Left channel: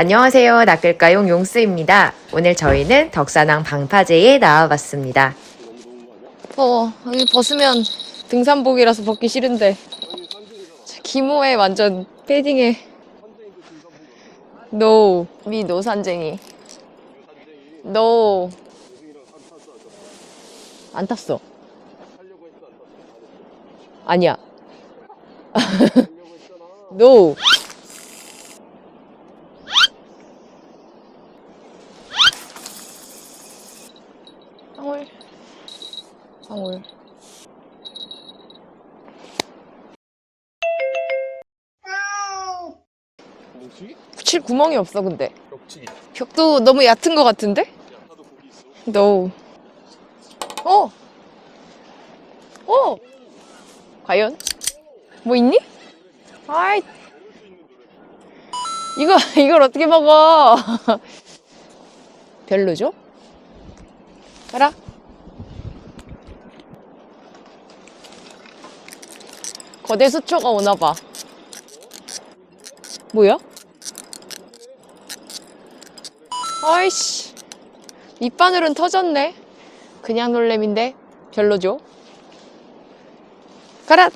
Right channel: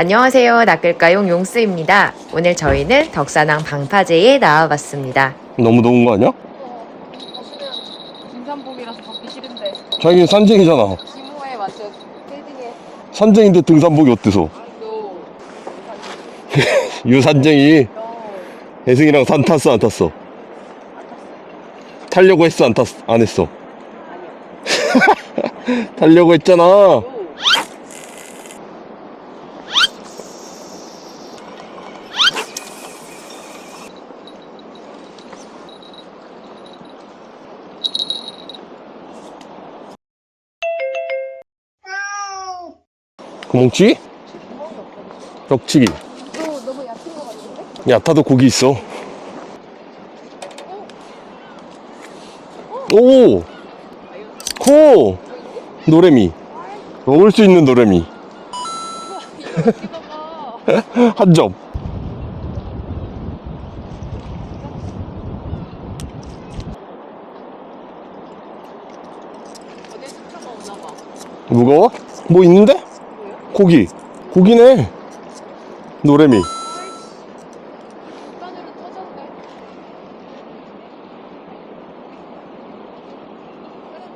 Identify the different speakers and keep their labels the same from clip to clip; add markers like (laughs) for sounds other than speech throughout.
Speaker 1: 안녕하세요. 낚을까용 용스입니다. 오늘 저희는 덕산항 방파제에 나와봤습니다.
Speaker 2: 너무 더운 거 아니야?
Speaker 3: 어, 여기 벗으면 등산복이라서 벗기 싫은데
Speaker 2: 자기는 산쟁이잖아.
Speaker 3: 기모에 완전 패딩에
Speaker 2: 산쟁인데 등산복이 어때서?
Speaker 3: 노, 미 노 산쟁이
Speaker 2: 유산쟁이 (laughs)
Speaker 3: 노,
Speaker 2: 애승이랑 산 탔어 안 탔어?
Speaker 3: 안 탔어
Speaker 2: 타려고 했어 안 탔어? 안 했어?
Speaker 3: 아니야 (laughs)
Speaker 2: 타려고 했잖아.
Speaker 3: 노 헐. 어.
Speaker 2: 구멍치기?
Speaker 3: 칠 구멍이 없어 근데
Speaker 2: 벽치기.
Speaker 3: 벽도 너무 얕은 것 같은데?
Speaker 2: 야타도 고기 있어.
Speaker 3: 노 어? 어?
Speaker 2: 오!
Speaker 3: 과연?
Speaker 2: 코!
Speaker 3: 뭐 있니?
Speaker 2: 노래미.
Speaker 3: 아이
Speaker 2: 먹을 수 있는 노래미.
Speaker 3: 이거 이걸 어떻게 먹어? (laughs)
Speaker 2: 한 점.
Speaker 3: 별로죠? 알아? 거대 수초가 오나 봐.
Speaker 2: 무거워? 뭐 있는데?
Speaker 3: 뭐야?
Speaker 2: 고기. 고기네. 노래미.
Speaker 3: 아이씨. 밑바늘은 터졌네. 그냥 놀래미인데 별로죠? 가라.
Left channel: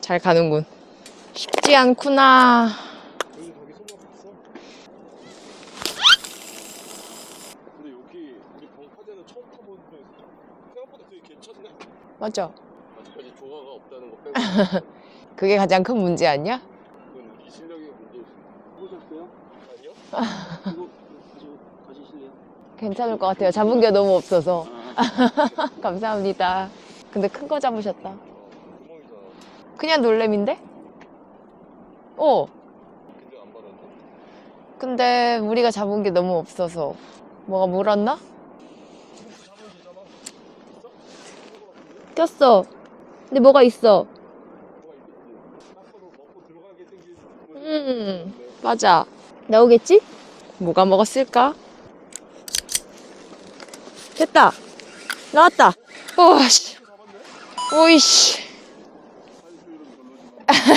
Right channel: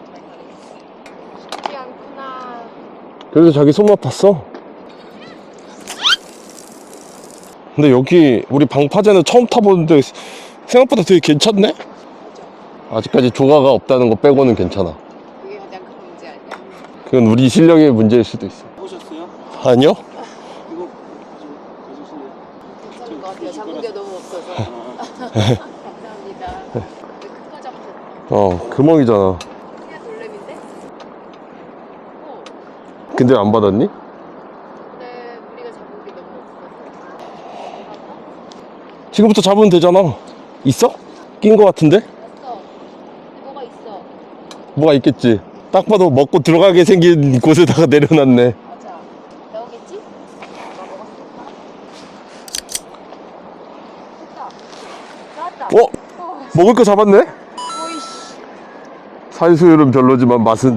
Speaker 3: 잘 가는군. 쉽지 않구나.
Speaker 2: 그래도 자기 손맛 봤어. 근데 여기 우리 방파제는 처음 타보는데 생각보다 되게 괜찮네?
Speaker 3: 맞아.
Speaker 2: 아직까지 조가가 없다는 거 빼고는 괜찮아. (laughs)
Speaker 3: 그게 가장 큰 문제 아니야?
Speaker 2: 그건 우리 실력의 문제일 수도 있어.
Speaker 4: 보셨어요?
Speaker 2: 아니요?
Speaker 4: 이거?
Speaker 3: 괜찮을 것 같아요. 잡은 게 너무 없어서. (laughs) 감사합니다. 근데 큰 거 잡으셨다.
Speaker 2: 어, 금멍이잖아.
Speaker 3: 그냥 놀래미인데? 어.
Speaker 2: 근데 안 받았니?
Speaker 3: 근데 우리가 잡은 게 너무 없어서 뭐가 물었나?
Speaker 2: 지금부터 잡으면 되잖아. 있어? 낀 거 같은데?
Speaker 3: 꼈어. 근데 뭐가 있어?
Speaker 2: 뭐가 있겠지. 딱 봐도 먹고 들어가게 생긴 곳에다가
Speaker 3: 음.
Speaker 2: 내려놨네.
Speaker 3: 맞아. 나오겠지? 뭐가 먹었을까? 됐다. 나왔다.
Speaker 2: 어?
Speaker 3: 어, 씨.
Speaker 2: 먹을 거 잡았네?
Speaker 3: 오이씨.
Speaker 2: 살수율은 별로지만 맛은.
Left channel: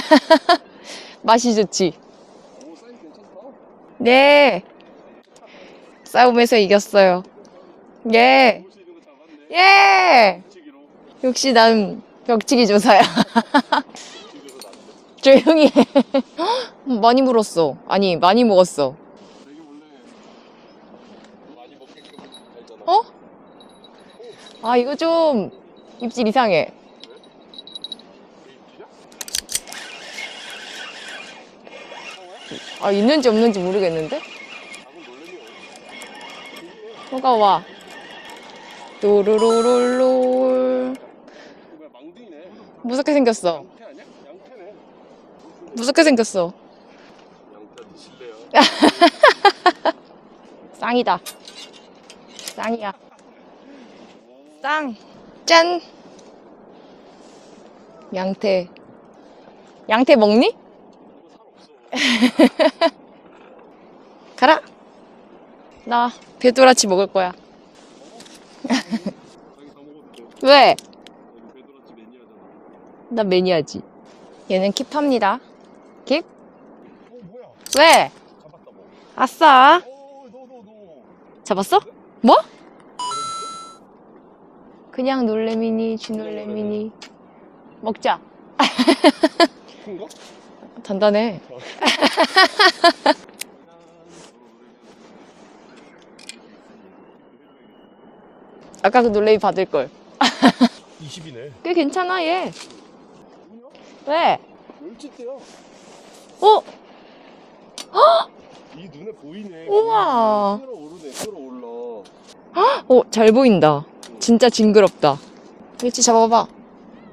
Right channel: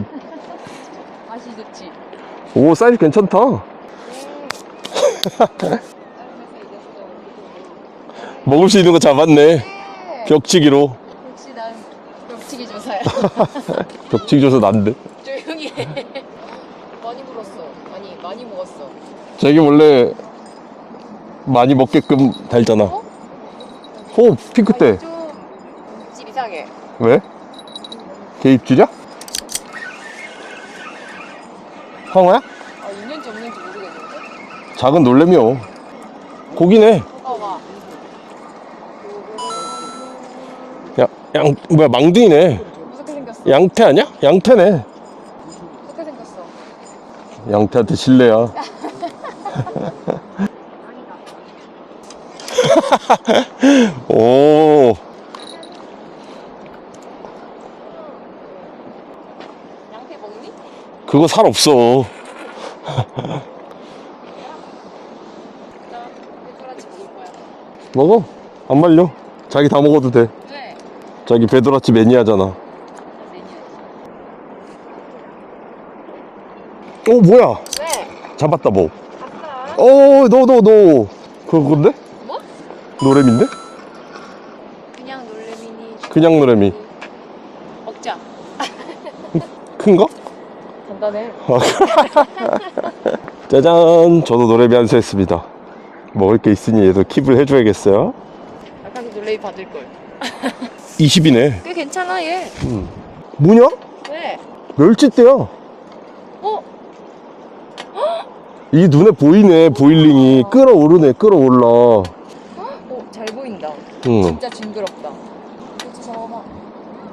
Speaker 2: (laughs)
Speaker 3: 맛이 좋지.
Speaker 2: 오, 사이즈 괜찮다.
Speaker 3: 네. (laughs) 싸움에서 이겼어요. 예.
Speaker 2: 먹을 수 있는 거 잡았네.
Speaker 3: 예.
Speaker 2: 벽치기로.
Speaker 3: 역시 난 벽치기 조사야.
Speaker 2: 벽치기 줘서 난데.
Speaker 3: 조용히 해. 많이 물었어. 아니, 많이 먹었어.
Speaker 2: 자기 원래 많이 먹게끔 달잖아.
Speaker 3: 어?
Speaker 2: 호, 핑크
Speaker 3: 아,
Speaker 2: 때.
Speaker 3: 이거 좀 입질 이상해.
Speaker 2: 왜? 개 입질이야? 상어야?
Speaker 3: 아, 있는지 없는지 모르겠는데?
Speaker 2: 작은 놀래미요. 고기네.
Speaker 3: 뭐가 와. 또르르르르.
Speaker 2: 야, 양, 뭐야, 망둥이네.
Speaker 3: 무섭게 생겼어.
Speaker 2: 양태 아니야? 양태네.
Speaker 3: 무섭게 생겼어.
Speaker 2: 양태한테 실례야. (laughs)
Speaker 3: 쌍이다. (laughs)
Speaker 2: 오,
Speaker 3: 짠! 양태. 양태 먹니?
Speaker 2: 그거 살 없어. (laughs)
Speaker 3: 가라. 나 배도라치 먹을 거야.
Speaker 2: 먹어. 안 말려. 자기 다 먹어도 돼.
Speaker 3: 왜?
Speaker 2: 자기 배도라치 매니아잖아.
Speaker 3: 나 매니아지. 얘는 킵합니다. 킵?
Speaker 2: 오, 뭐야?
Speaker 3: 왜?
Speaker 2: 잡았다, 뭐.
Speaker 3: 아싸.
Speaker 2: 오, 너, 너, 너.
Speaker 3: 잡았어?
Speaker 2: 뭔데?
Speaker 3: 뭐?
Speaker 2: 노래미인데?
Speaker 3: 그냥 놀래미니.
Speaker 2: 그냥 놀래미.
Speaker 3: 먹자.
Speaker 2: 큰 거? (laughs)
Speaker 3: 단단해. (laughs)
Speaker 2: 짜잔 저도 노래비 한수 했습니다 먹을 게 있으니 얘도 킵을 해줘야겠어요
Speaker 3: 아까 그 놀래미 받을 걸. (laughs)
Speaker 2: 20이네
Speaker 3: 꽤 괜찮아 얘.
Speaker 2: 뭐냐?
Speaker 3: 왜?
Speaker 2: 멸치대야
Speaker 3: 어? (gasps)
Speaker 2: 이 눈에 보이네 보일링이 끌어오르네 끌어올라 (gasps)
Speaker 3: 어, 잘 보인다.
Speaker 2: 응.
Speaker 3: 진짜 징그럽다. 멸치 잡아봐.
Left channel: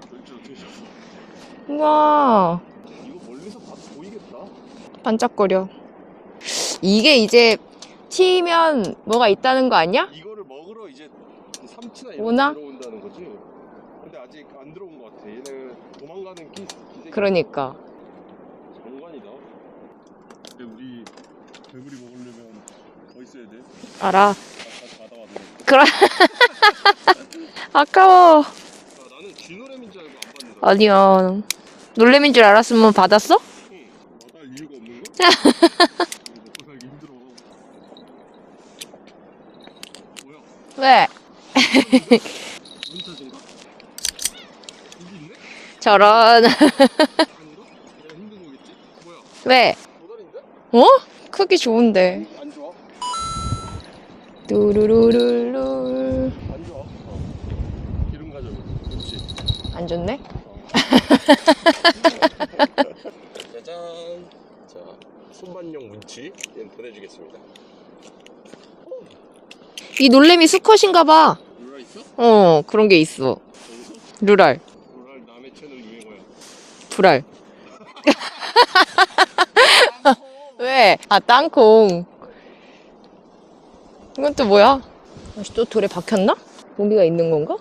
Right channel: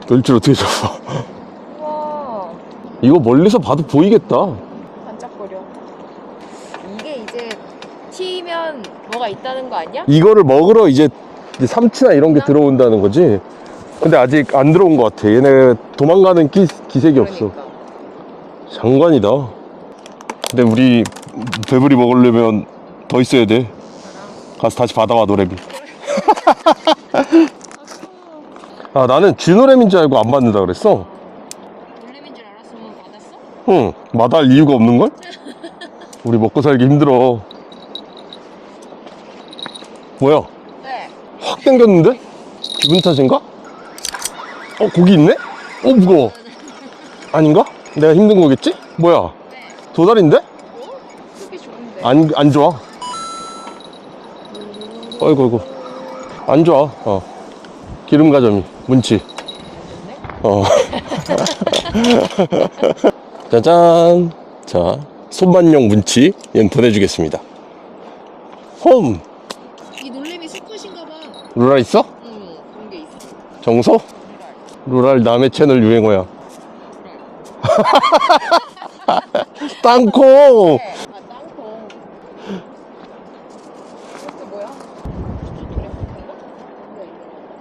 Speaker 2: 멸치를 어떻게 잡아 (laughs)
Speaker 3: 우와,
Speaker 2: 이거 멀리서 봐도 보이겠다
Speaker 3: 반짝거려. 이게 이제 튀면 뭐가 있다는 거 아니야?
Speaker 2: 이거를 먹으러 이제 삼치나 이런 게
Speaker 3: 오나?
Speaker 2: 들어온다는 거지 근데 아직 안 들어온 것 같아 얘네 도망가는 기, 기색이 없어
Speaker 3: 그러니까.
Speaker 2: 장관이다 근데 우리 배부리 먹으려면 더 있어야 돼
Speaker 3: 알아.
Speaker 2: 가서 다시 받아와 노래비
Speaker 3: 그래. (laughs) 아까워.
Speaker 2: 아 나는 쥐노래미인 줄 알고 안 받는다 그랬어
Speaker 3: 아니야. 놀래미인 줄 알았으면 받았어?
Speaker 2: 응, 마다할 이유가 없는 걸? (laughs) 우리 먹고 살기 힘들어. 뭐야?
Speaker 3: 왜?
Speaker 2: 확 땡겼는데? (laughs) 기분 탓인가? 어, 고기 있네? 어.
Speaker 3: 저런.
Speaker 2: 아닌가? 내가 힘든 거겠지? 뭐야?
Speaker 3: 왜?
Speaker 2: 도다리인데?
Speaker 3: 어? 크기 좋은데.
Speaker 2: 안, 안 좋아.
Speaker 3: 뚜루루루.
Speaker 2: 아이고, 안 좋아. 어. 기름 가점이, 문치.
Speaker 3: 안 좋네.
Speaker 2: 어. (laughs) 짜잔. 자, 손만용 문치 얘는 보내주겠습니다. 홈.
Speaker 3: 이 놀래미 수컷인가 봐.
Speaker 2: 루랄 있어?
Speaker 3: 어, 그런 게 있어.
Speaker 2: 정서?
Speaker 3: 루랄,
Speaker 2: 루랄 남의 채널 유행어야.
Speaker 3: 불알. (laughs)
Speaker 2: 땅콩.
Speaker 3: 왜? 아, 땅콩. 이건 또 뭐야? 다시 또 돌에 박혔나? 고기가 있는 건가?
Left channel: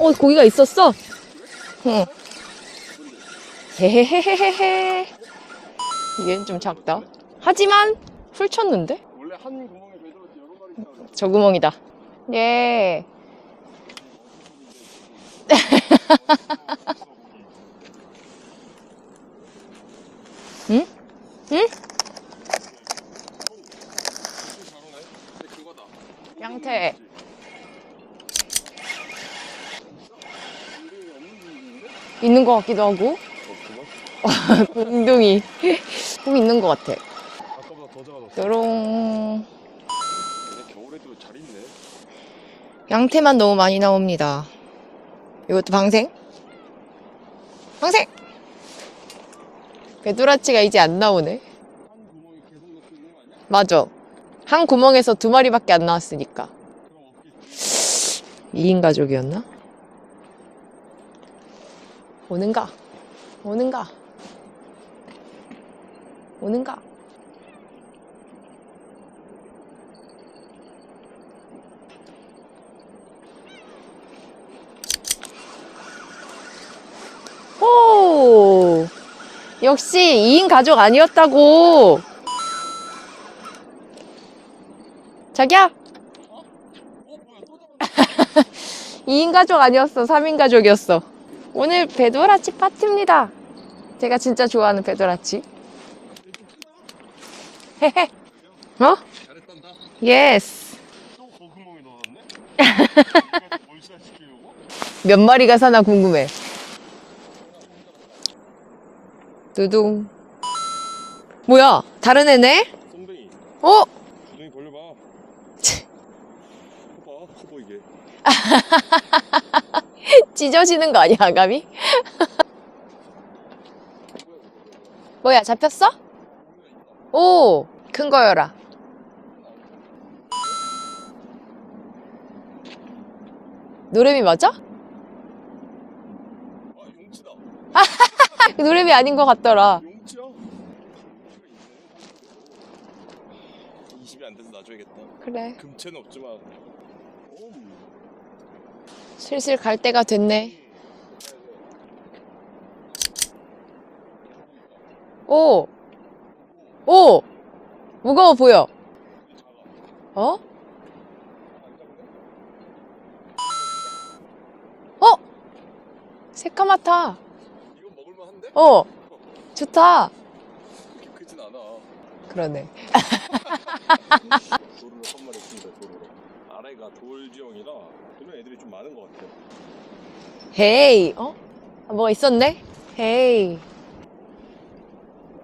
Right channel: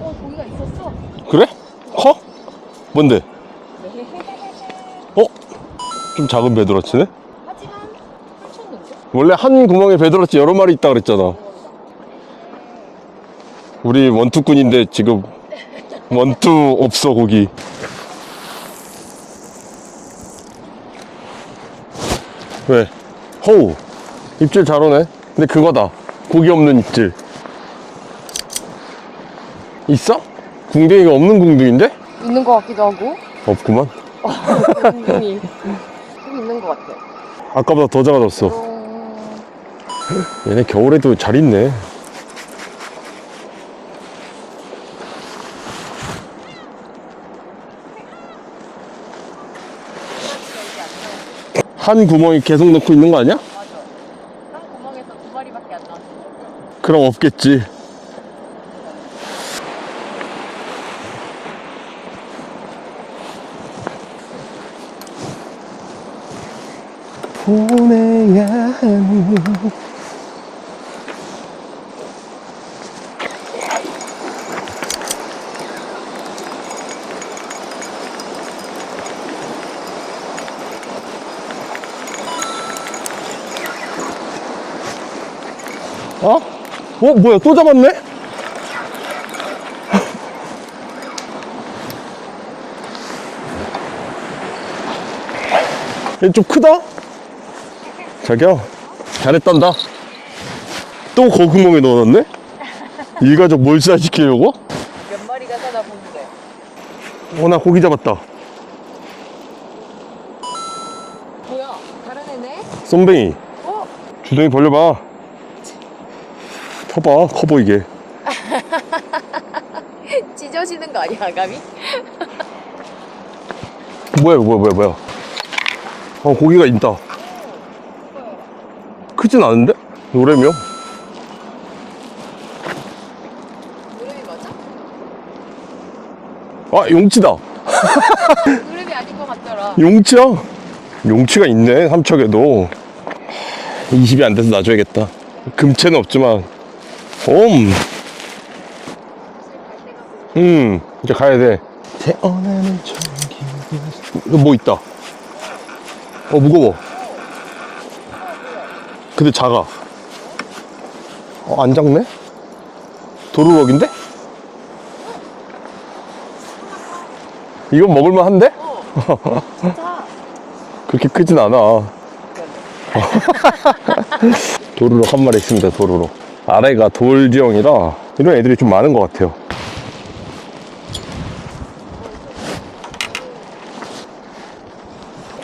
Speaker 3: 어, 고기가 있었어.
Speaker 2: 그래?
Speaker 3: 응.
Speaker 2: 커? 뭔데?
Speaker 3: 헤헤헤헤헤.
Speaker 2: 좀 작은
Speaker 3: 좀
Speaker 2: 배도라치네?
Speaker 3: 하지만 훑쳤는데?
Speaker 2: 원래 한 구멍에 배도라치 여러 마리 있다 그랬잖아.
Speaker 3: 저 구멍이다. 예.
Speaker 2: 우리 원투꾼인데 지금 (laughs) 원투 없어 고기.
Speaker 3: 응? 응?
Speaker 2: 왜? 호우 입질 잘 오네. 근데 그거다. 고기 없는
Speaker 3: 네.
Speaker 2: 입질. 있어? 궁둥이가 없는 궁둥인데?
Speaker 3: 있는 것 같기도 하고.
Speaker 2: 없구만. (laughs)
Speaker 3: 웅둥이. (laughs) 좀 있는 것 같아.
Speaker 2: 아까보다 더 작아졌어.
Speaker 3: 요런.
Speaker 2: 얘네 겨울에도 잘 있네.
Speaker 3: 양태만 너무 많이 나옵니다. 이것도 방생? 방생! 배두라치가 이제 안 나오네.
Speaker 2: 한 구멍에 계속 넣고 있는 거 아니야?
Speaker 3: 맞아. 한 구멍에서 두 마리밖에 안 나왔으니까.
Speaker 2: 그럼 없겠지.
Speaker 3: 2인 가족이었나? 오는가? 오는가? 오는가?
Speaker 2: 보내야 하는
Speaker 3: 역시 2인 가족 아니었다고! 자기야!
Speaker 2: 어? 어 뭐야 또 잡았네? (laughs)
Speaker 3: 2인 가족 아니었어. 3인 가족이었어. 오늘 배도라치 파티입니다. 제가 진짜 좋아하는 배도라치.
Speaker 2: 얘 좀 크다? 자기야
Speaker 3: 어?
Speaker 2: 잘했단다.
Speaker 3: 예스.
Speaker 2: 또 거구멍에 넣어놨네? (laughs) 일가족 몰살시키려고?
Speaker 3: 몇 마리가 사나 궁금해.
Speaker 2: 어, 나 고기 잡았다.
Speaker 3: 두둥. 뭐야? 다른 애네?
Speaker 2: 쏨뱅이.
Speaker 3: 어?
Speaker 2: 주둥이 벌려봐. 펴봐, 커 보이게. (laughs)
Speaker 3: 찢어지는 거 아니야, 아감이? (laughs)
Speaker 2: 뭐야, 뭐야, 뭐야, 뭐야.
Speaker 3: 뭐야, 잡혔어?
Speaker 2: 어, 고기가 있다.
Speaker 3: 오, 큰 거여라.
Speaker 2: 크진 않은데? 노래미요?
Speaker 3: 노래미 맞아?
Speaker 2: 아, 용치다. (laughs)
Speaker 3: 노래미 아닌 것 같더라.
Speaker 2: 용치야? 용치가 있네, 삼척에도. 20이 안 돼서 놔줘야겠다.
Speaker 3: 그래.
Speaker 2: 금채는 없지만. 옴,
Speaker 3: 슬슬 갈 때가 됐네.
Speaker 2: 음, 이제 가야 돼. 태어나는. 이거 뭐 있다.
Speaker 3: 오,
Speaker 2: 어, 무거워.
Speaker 3: 오! 무거워 보여.
Speaker 2: 근데 작아.
Speaker 3: 어?
Speaker 2: 어, 안 작네? 도루럭인데?
Speaker 3: 어? 새까맣다.
Speaker 2: 이건 먹을만 한데?
Speaker 3: 어, 좋다. (laughs)
Speaker 2: 그렇게 크진 않아.
Speaker 3: 그러네. (laughs)
Speaker 2: 도루럭 한 마리 있습니다, 도루럭. 아래가 돌 지형이라 이런 애들이 좀 많은 것 같아요.
Speaker 3: 헤이. 어? 뭐 있었네? 헤이.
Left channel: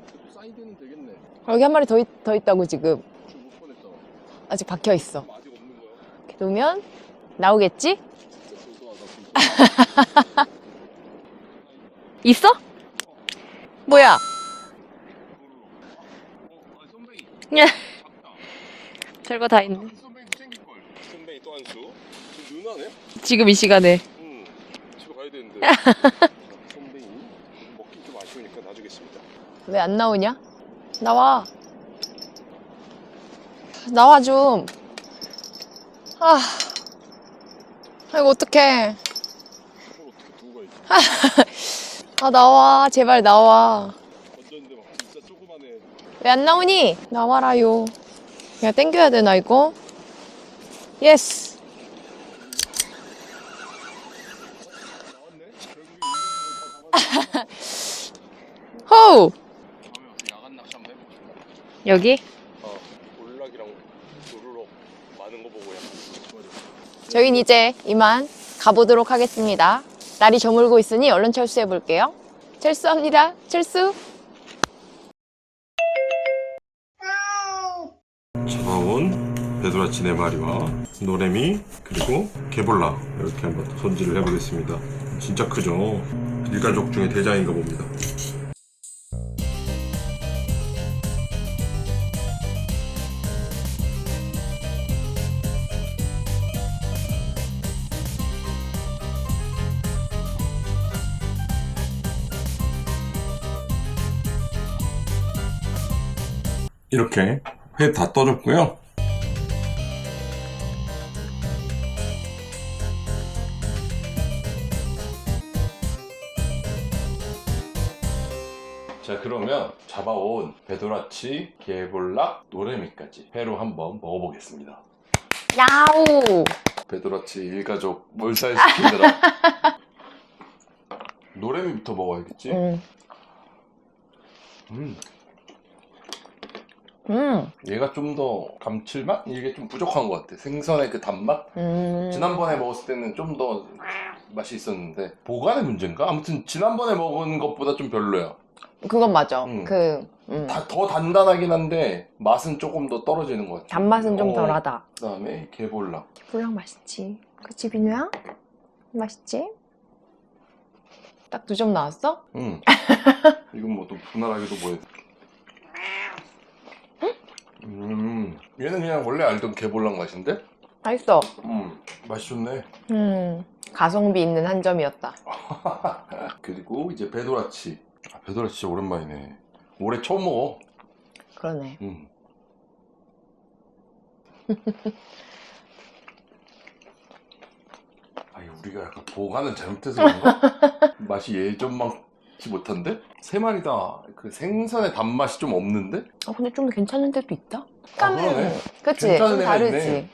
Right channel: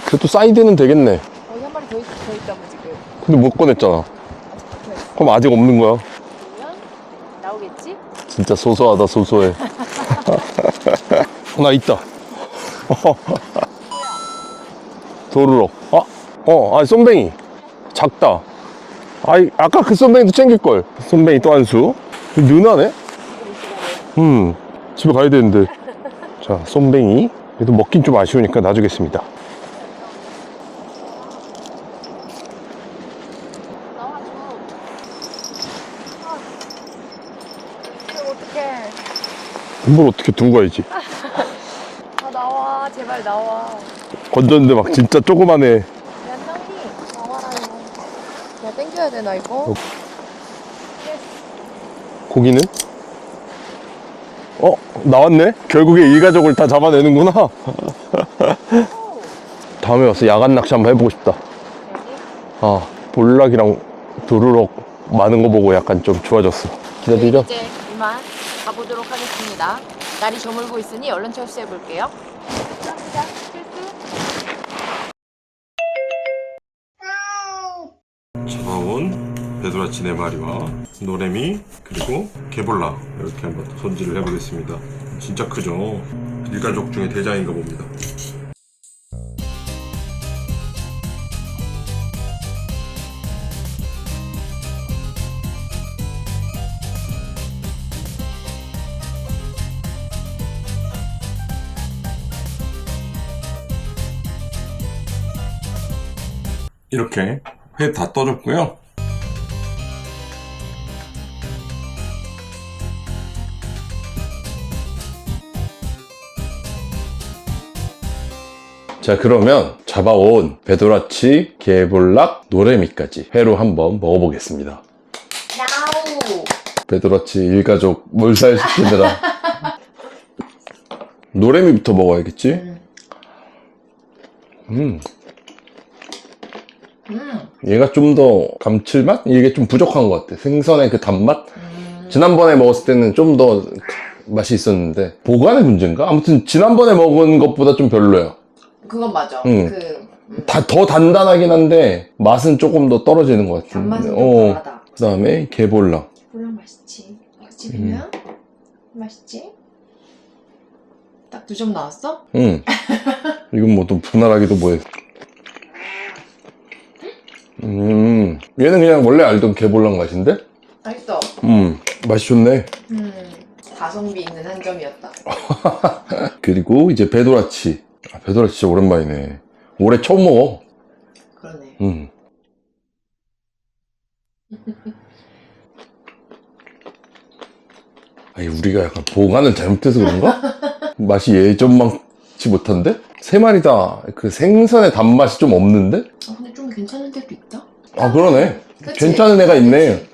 Speaker 2: 그래도 사이드는 되겠네.
Speaker 3: 여기 한 마리 더, 있, 더 있다고 지금.
Speaker 2: 근데 못 꺼냈잖아.
Speaker 3: 아직 박혀 있어.
Speaker 2: 그럼 아직 없는 거야.
Speaker 3: 그러면 나오겠지?
Speaker 2: 진짜 소소하다, 소소해. (laughs) 나 있다.
Speaker 3: 있어? (laughs) 뭐야?
Speaker 2: 도루럭. 아, 어, 아, 쏨뱅이. 작다. 아이,
Speaker 3: 다
Speaker 2: 아까 그 쏨뱅이도 챙길걸. 쏨뱅이 또 한 수. 누나네?
Speaker 3: 지금 이 시간에.
Speaker 2: 음, 집에 가야 되는데. (laughs) 자, 쏨뱅이. 그래도 먹긴 좀 아쉬우니까 놔주겠습니다.
Speaker 3: 왜 안 나오냐? 나와. 나와 좀. 아. 이거 어떡해.
Speaker 2: 뭘 어떻게 두고 가야지.
Speaker 3: 아, 나와. 제발 나와.
Speaker 2: 건졌는데 막 진짜 조그만해.
Speaker 3: 왜 안 나오니? 나와라요. 그냥 땡겨야 되나, 이거? 예스.
Speaker 2: 고기는? 어 나왔네 결국에 일가족을 다 잡아내는구나
Speaker 3: 호우!
Speaker 2: 다음에 와서 야간 낚시 한번 해보고 싶다
Speaker 3: 여기?
Speaker 2: 아 볼락이랑 도루럭 많은 거 보고 약간 좀 좋아졌어
Speaker 3: 저희 는 이제 이만 가보도록 하겠습니다. 날이 저물고 있으니 얼른 철수해 볼게요. 철수합니다. 철수.
Speaker 2: 잡아온 베드라치 네 마리와 노래미 그리고 개볼라 이렇게 한번 손질을 해보겠습니다 진짜 크죠 일가족 중에 대장인가 봅니다 이렇게 회 다 떠줬고요. 자 그러면 잡아온 베도라치, 게볼락, 노래미까지 회로 한번 먹어보겠습니다.
Speaker 3: 야우!
Speaker 2: 베도라치 일가족 몰살시키느라 (laughs) 노래미부터 먹어야겠지?
Speaker 3: 음.
Speaker 2: 음,
Speaker 3: 음.
Speaker 2: 얘가 좀 더 감칠맛? 이게 좀 부족한 것 같아. 생선의 그 단맛?
Speaker 3: 음.
Speaker 2: 지난번에 먹었을 때는 좀 더 맛이 있었는데 보관의 문제인가? 아무튼 지난번에 먹은 것보다 좀 별로야.
Speaker 3: 그건 맞아.
Speaker 2: 음.
Speaker 3: 그 음.
Speaker 2: 다 더 단단하긴 한데 맛은 조금 더 떨어지는 것 같아.
Speaker 3: 단맛은 좀 덜하다.
Speaker 2: 그다음에 게볼락.
Speaker 3: 불랑 맛있지. 그치 비누야? 맛있지? 딱 두 점 나왔어?
Speaker 2: 응. (laughs) 이건 뭐 또 분할하기도 뭐해. 음, 얘는 그냥 원래 알던 게볼락 맛인데?
Speaker 3: 맛있어.
Speaker 2: 음, 맛이 좋네.
Speaker 3: 음. 가성비 있는 한 점이었다. (laughs)
Speaker 2: 그리고 이제 베도라치. 아, 베도라치 진짜 오랜만이네. 올해 처음 먹어.
Speaker 3: 그러네.
Speaker 2: 음. (laughs) 아니 우리가 약간 보관을 잘못해서 그런가? 맛이 예전만치 못한데? 세 마리 다 그 생선의 단맛이 좀 없는데?
Speaker 3: 아, 근데 좀 괜찮은 데도 있다?
Speaker 2: 아 그러네.
Speaker 3: 그치?
Speaker 2: 괜찮은 애가 있네.
Speaker 3: 아니지?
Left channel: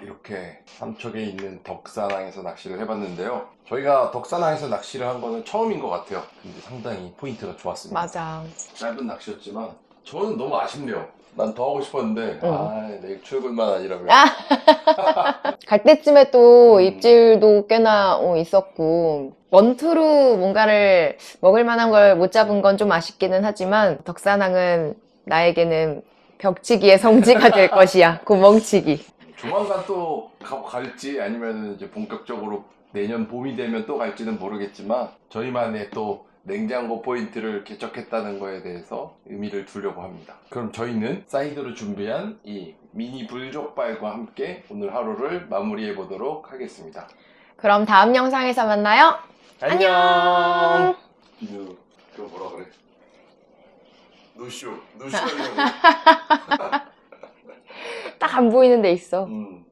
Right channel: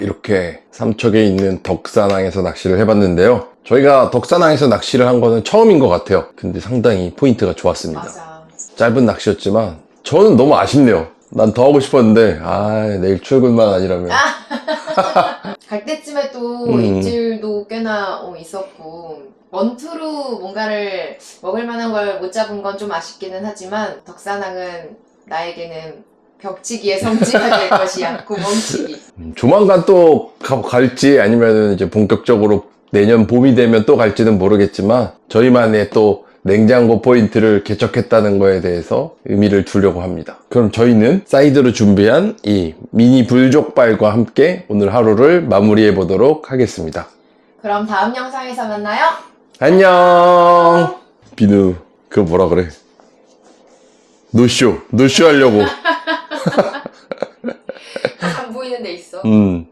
Speaker 2: 이렇게 삼척에 있는 덕산항에서 낚시를 해봤는데요. 저희가 덕산항에서 낚시를 한 거는 처음인 것 같아요. 근데 상당히 포인트가 좋았습니다.
Speaker 3: 맞아.
Speaker 2: 짧은 낚시였지만 저는 너무 아쉽네요. 난 더 하고 싶었는데
Speaker 3: 어.
Speaker 2: 아 내일 출근만 아니라면 (laughs)
Speaker 3: 갈 때쯤에 또
Speaker 2: 음.
Speaker 3: 입질도 꽤나 어, 있었고 원투로 뭔가를 먹을 만한 걸 못 잡은 건 좀 아쉽기는 하지만 덕산항은 나에게는 벽치기의 성지가 될 (laughs) 것이야 구멍치기
Speaker 2: 조만간 또 가- 갈지 아니면 이제 본격적으로 내년 봄이 되면 또 갈지는 모르겠지만 저희만의 또 냉장고 포인트를 개척했다는 거에 대해서 의미를 두려고 합니다. 그럼 저희는 사이드로 준비한 이 미니 불족발과 함께 오늘 하루를 마무리해 보도록 하겠습니다.
Speaker 3: 그럼 다음 영상에서 만나요
Speaker 2: 안녕. 비누 그거 뭐라 그래? 노쇼 노쇼 하려고.
Speaker 3: 딱 (laughs) 안 보이는 데 있어
Speaker 2: 음